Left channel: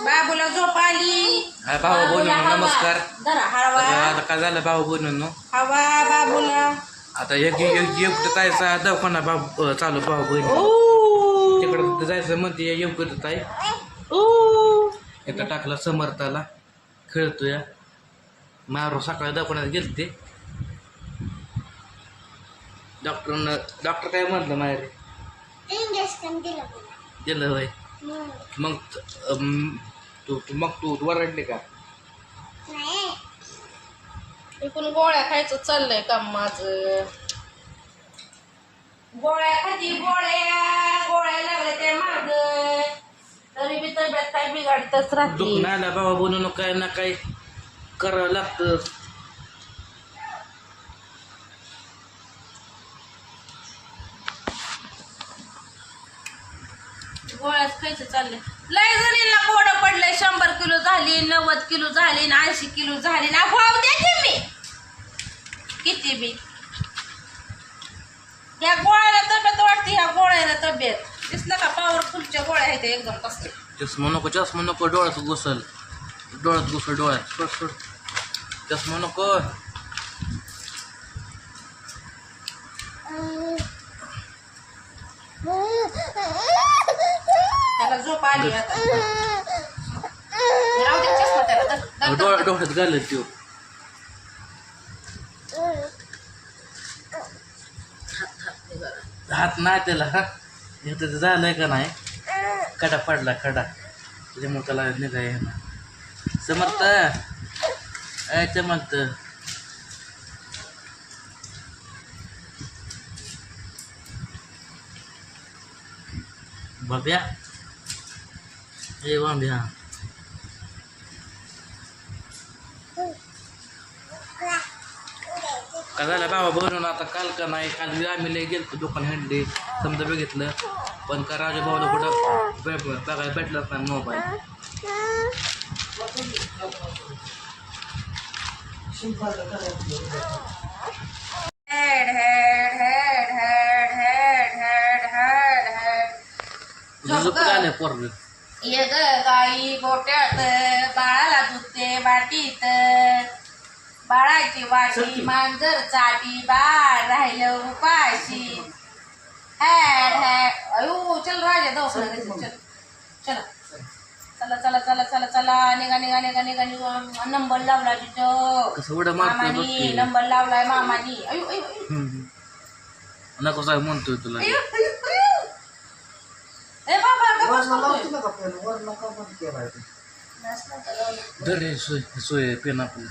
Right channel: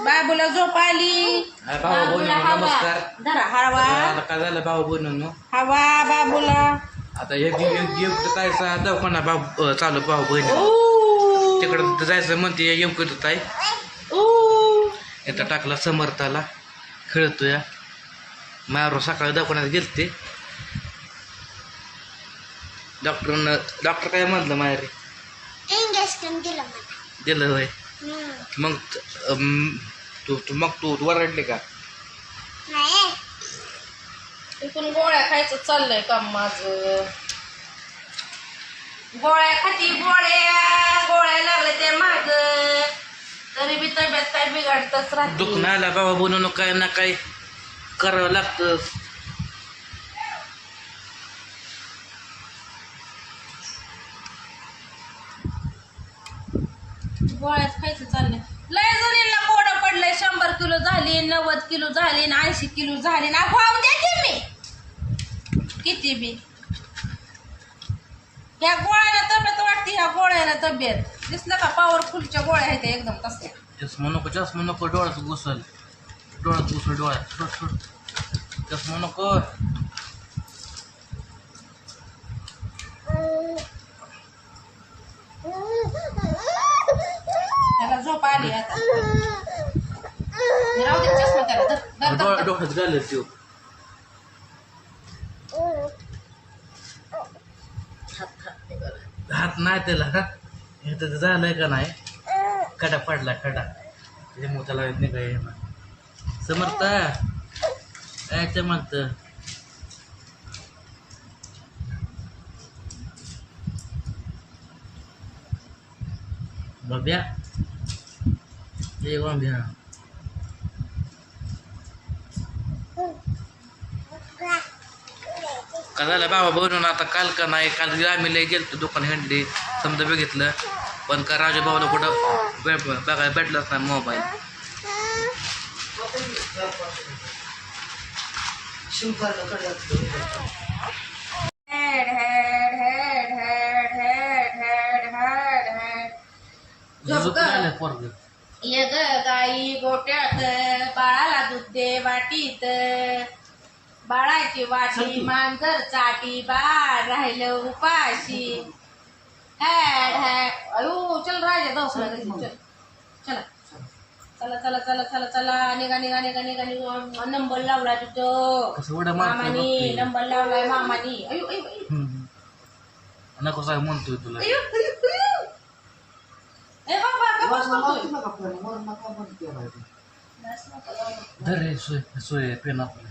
बाबूला झोप आली. हा, भाऊ बाबूला बहिणींनो, हवा. नमस्कार. धरा तर आता काय झालं भाऊ बहिणींनो हवा बाबूला. आता एक एक एक तायचा दवाखाना भाऊ अं, चालू भाऊ बहिणी. ओ. तिकडं जायचं म्हणते योग्य ताई. ओ. इथं टाकला समर्थाला. खेळतोय. मारो सकाळी दवाखान्यात गेलते. डॉक्टरनं डॉक्टर काय म्हटलं माहेरी इंजेक्शन दिलं मला. दिलं होय. मग तू तू मग तू तू वरडली का? नाही. इकडून गोळ्या खायचं चाललंय काम माझं. गोळ्या खाती गोळ्या गोळ्या लागल्या ते माग. तरी बी तब्येत काय बिघडतच राहते. आला बाबा बनवून काय ना काय करावं लागतं गोळ्याच खायचं चाललंय लय जणींना कोडं पडलंय शंभर किलो झाली नव्वद किलो झाली ना ऐंशी किलो झाली ना भाव देते मी. किती बी. ह्या गोळ्याला तब्येत वाटते ह्या गोळ्याला तब्येत. दिसलं का पॉवरफुलच्या गोळ्या आहेत एकदम कसल्या चष्मा नको चष्मा नको डोळ्यात घुसल. डोळ्यात घुसल डोळ्यात. सोड सोड चष्मा नको. त्याला झोप आली आता. राहू दे चष्मा त्याला धर, धर, धर, डोळ्या धर. डोळ्यात घालत त्यो. हात, बरं. हात नाही त्याला हे. तर झालंय का नाही? खडा पडला खडा. त्याच्यामुळे त्याला निघाय ना समर्थ. काय समर्थ बघ्या. हे बघ्या का झाला बाबा बनवून आता काल का नाही काल आम्ही लय गेलो दुकान हंडली समजा बघितलं पण का राजा भाऊला कुठं बघायला भेटलाच नाही मोबाईल. झालं ये गाई गोट्यात बाळाला दूध दे वाटीत. बाळाची वाटी मांजर चाटी बाळ राहिलं उपाशी. हॅड हॅड. अयो चल राजा दोस चल चला. चला. चला चला चला चला निघा निघा निघा निघा निघा. नंबर लावला तिथं. मामानी. नंबर लावलाय मामानी. अयो अयो. नको सांग म्हणतोय तुला. ए बाबा करतोय? धर रे सोय सोय पेन आपलं.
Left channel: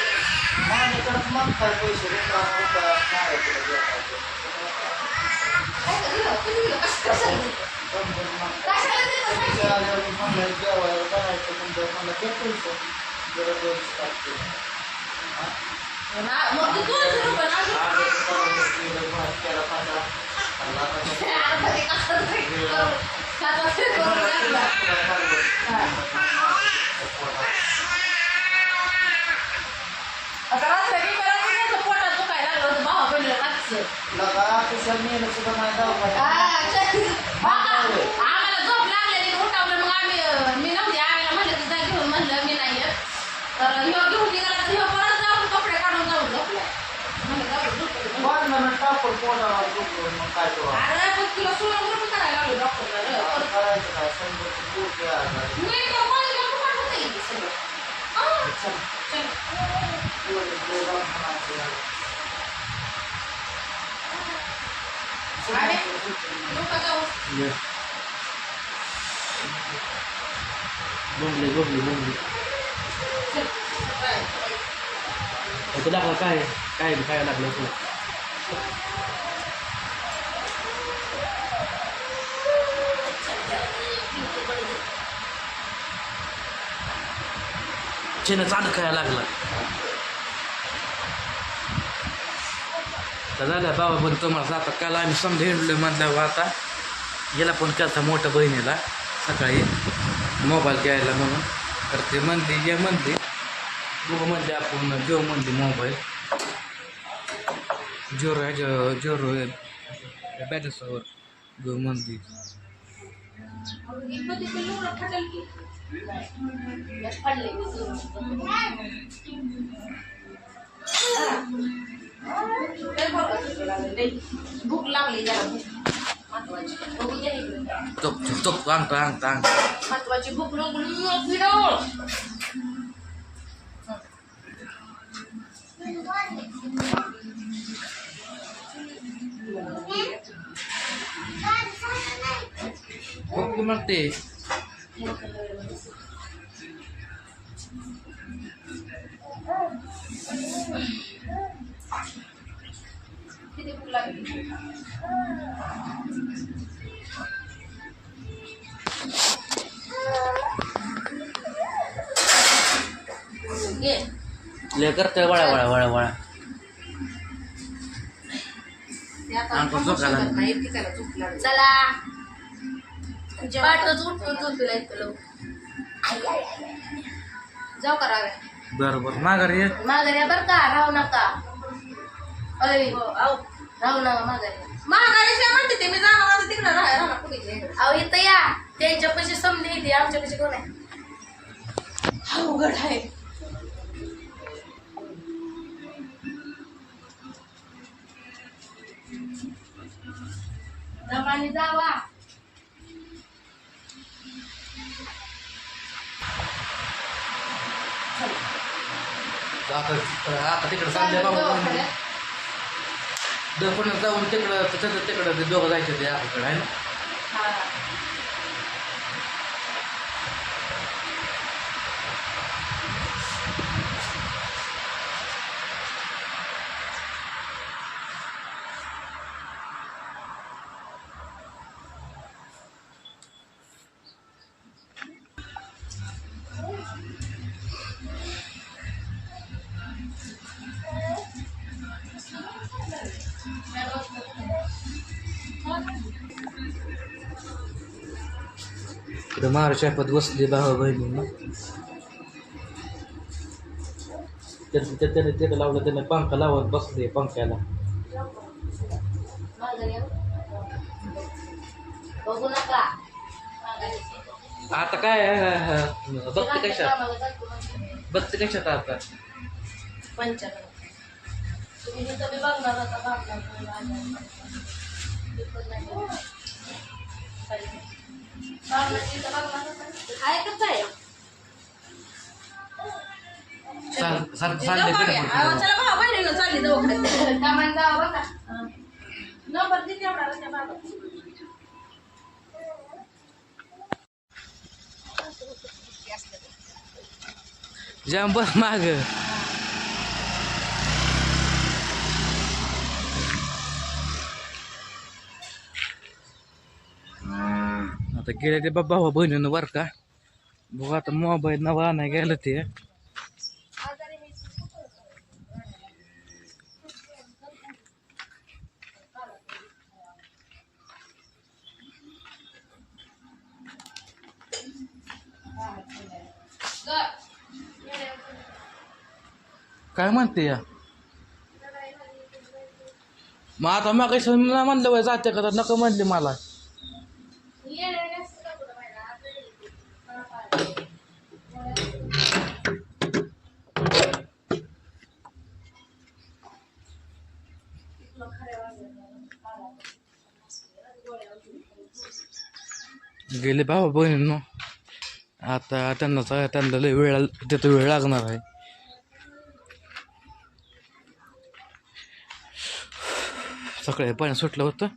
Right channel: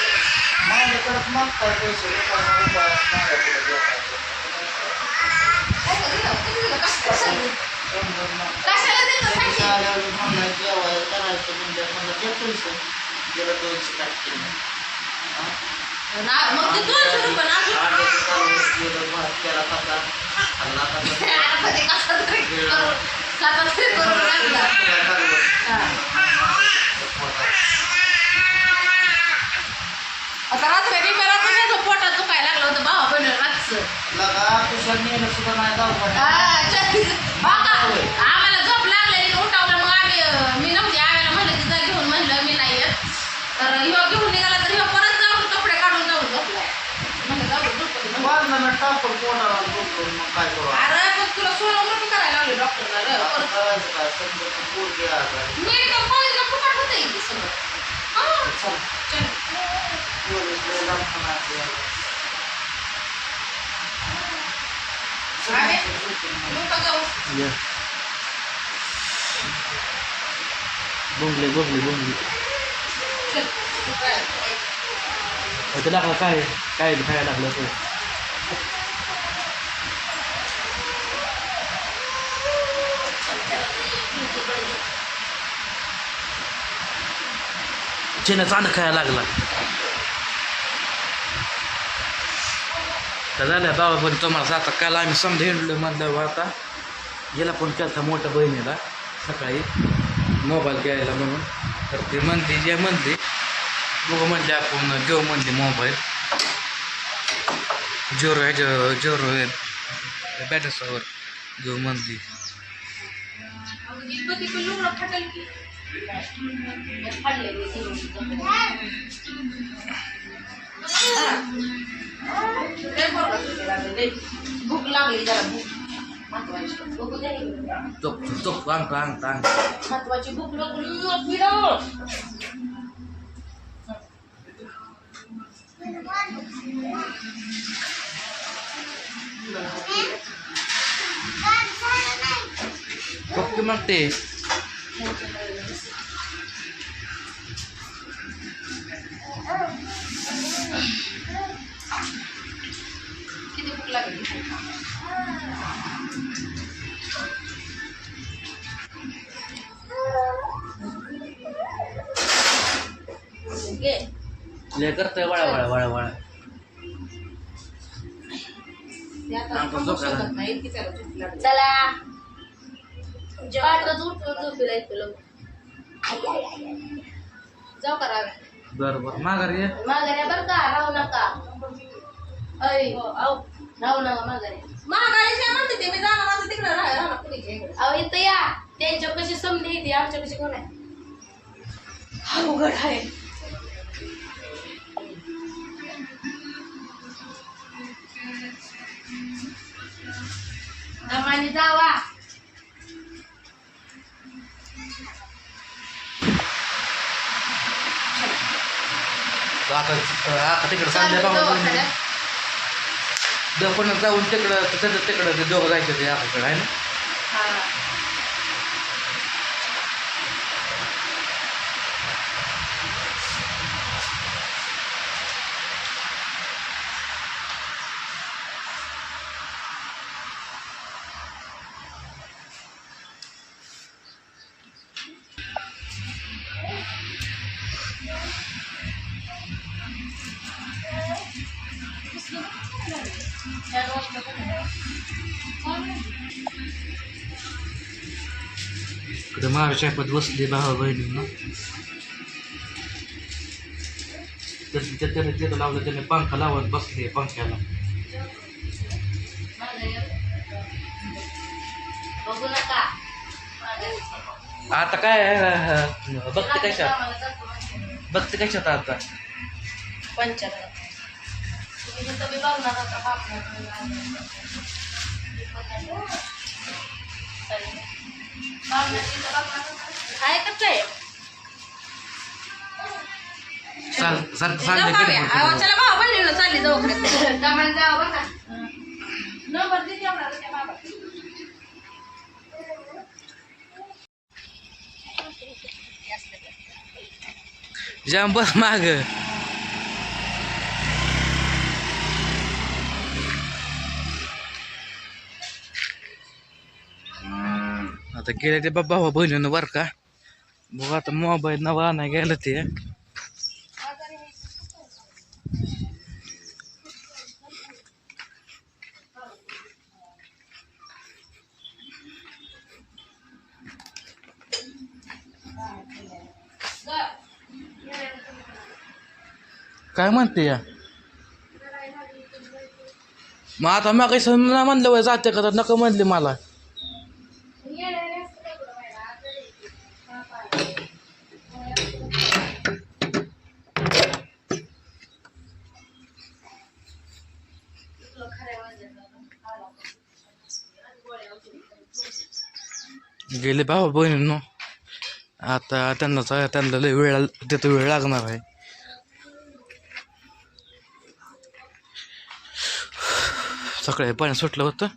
माझ्याकडे मागताय पैसे जेवायला करायचं म्हणजे मला ते पैसे जरा केला कसा आता रात्री बी मला तुझ्या पोटात दुखायला लागलं होतं भावा पण रातचं. हा, च- हा का? आम्हाला झोप लागलेली उठावलं मग आम्ही अं, मी नव्हती आम्हाला म्हणलं की जा घेऊन. म्हणलं मी नाही येत. तर ह्यो घेऊन निघाला तर ह्यो परत जाऊन कपडे काढून जाऊन झोपलाय. म्हणलं जाऊ दे, झोपू दे म्हणलं. काय करू अरे पण तुला सोनोग्राफी करायला लावली डॉक्टरला रे. परत करायचं काय? समजा पोट आता मेडिकल कॉलेजला फुकट होतं इथे सगळं? हा, चल. चल. एवढं लय लांब खाणार आपल्याला. आले? लोकं जाऊ. ये. बोंबले बोंबले बोंबले चल. आता लागलं काय काय खायला लागलं असं चिन्ह चांद खायला लागला तर झालं बाबा पण तुम्हाला आता काल आम्ही समजा हिंडलो म्हणल्यावर आता. गेला पण केलता मोठ्या बहिणीला सकाळी मोबाईल घ्यायला म्हणून. तर ते म्हणली जे म्हणली बघू म्हणले आपण घेऊ म्हणली मोबाईल जोरो ह्याच्या जोरो बॅटरीसवर देऊ म्हणली. अगं, की. झोपे लागले, लय. भूक लागली जरा भूक महत्वाची बघू द्या इकडे. चोप चोप अंगठा अंगठा अंगठा महत्वाची भूक लागली फिरव फक्त मग घे. ले करतोय वळा वळा वळा वळा. ते आता आपण थांबू झोपायला. शकत नाही इतकी त्याला झोप लागली. चला. पाठच उठून झोपीला इथं लवकर. जाऊ का राव्या बरं बरं माघारी ये. माघारी या बरं का? राहू नका. अय आऊ. राहू नका माघारी. माघारी म्हणते ते. मी जाणार आता तिकडे. राहा राहणार कुठे अहो इथं या. त्यांच्यापाशी येते आमच्यापाशी कोण आहे? अवघड आहे. दमानी जावा. आता आता तिकडं चालले बाबा. दवाखान्यात. जाऊन तिकडं तिकडं तिकडं दोघं जायचं ते आपल्याकडं आहे ना? तिथं महाराष्ट्र शापत बसली भावा बहिणींना तर तिथं त्याने तिथं लावलं त्याने पंखा लावत बसली पंख्याला बघू आता काय अं, बघते कशात बघते कशात आता पंचायत काय? चाल सारखं चाललंयकडे चला भाऊ बहिणीला चालली दवाखान्यात. दमान जावं बघा नंबर दिली एवढा त्या बाबा. जाम बस माग. आता गेले ते बाबा बहिणीनं बरं का? बघू आता मोबाईल नवा नाही गेलं ते. काय म्हणते या? मग आता मग काही म्हणलं जाते का तर नको म्हणले मला. गेले भाऊ बहिणींनो. आता त्यांना त्यांना लय वेळ तिथं वेळ लागणार आहे. सकाळी पाणी सुटलं होतं.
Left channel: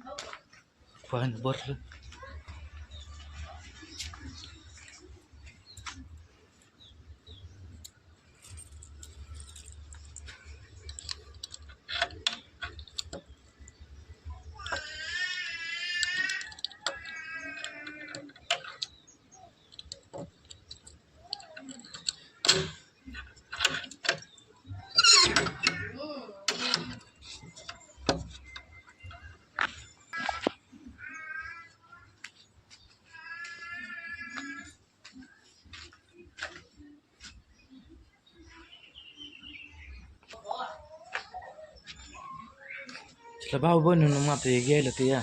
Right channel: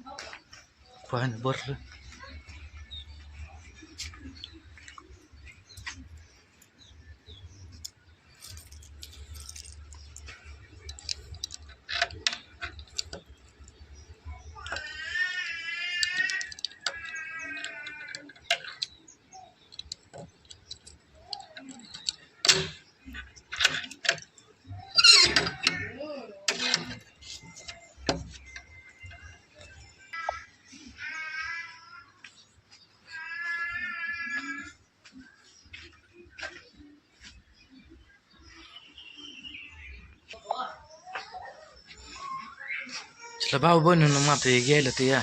पाणी भरलं. तिला भाऊ बनवून मात्र हे गेलं ते या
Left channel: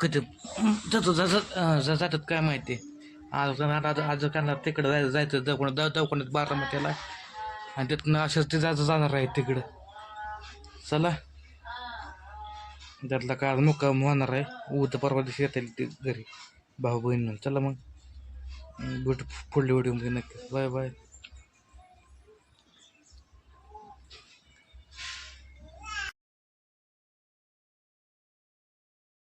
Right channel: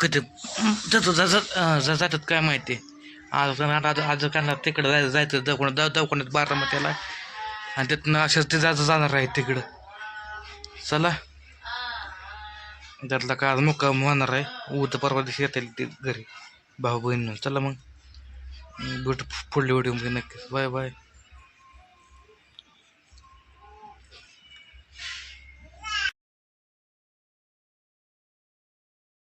कधी जातो जातात जातात काय माहिती? आज आज आज कांदा तिकडं जायचं जायचं दवाखान्यात दव दवाखान्यात बारामतीला. आणि त्यातनं अशाच ते जायचं जाणार आहे तिकडं. चला. त्यातला का आज मुक्काम होणार आहे. उद्या परवा दिवशी येतील ते घरी. भाऊ बहिणी चला मग. भेट पुढल्या व्हिडिओमध्ये नक्कीच. Bye bye.